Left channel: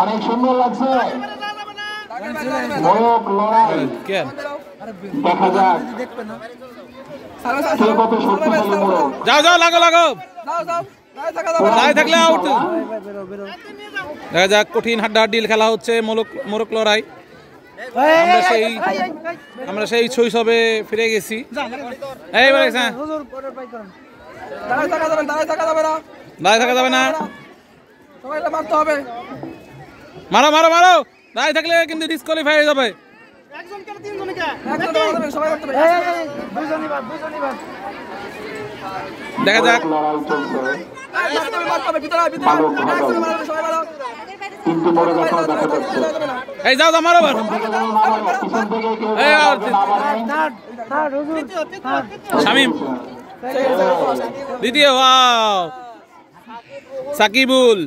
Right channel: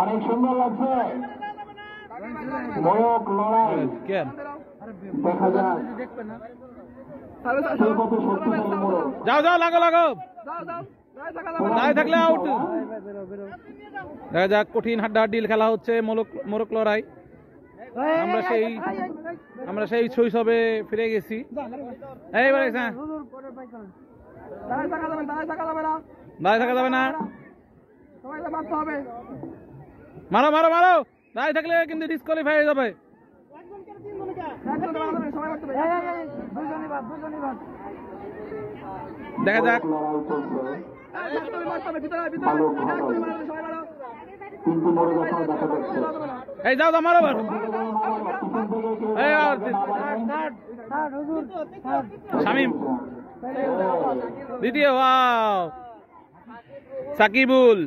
অনেক সুন্দর লাগছে মোরগ লড়াই। দেখা যাক কে কত শক্তিশালী মোরগ। যাও যাও লাগো লাগো দাঁড়িয়ে থাকলে আউট। দেখা যাক কঠিন হাড্ডাহাড্ডি খেলা হচ্ছে মোরগ লড়াই। আমরা সেই শৈশবে ফিরে গেছি। এইবার দাঁড়িয়ে থাকা যাবে না, মারো মারো মারো। দাঁড়িয়ে থাকলে কিন্তু ডিসকোয়ালিফাই হয়ে যাবে। দেখা যাক এই যাও যাও মারো শামিম দ্বিতীয় সাকিবুল।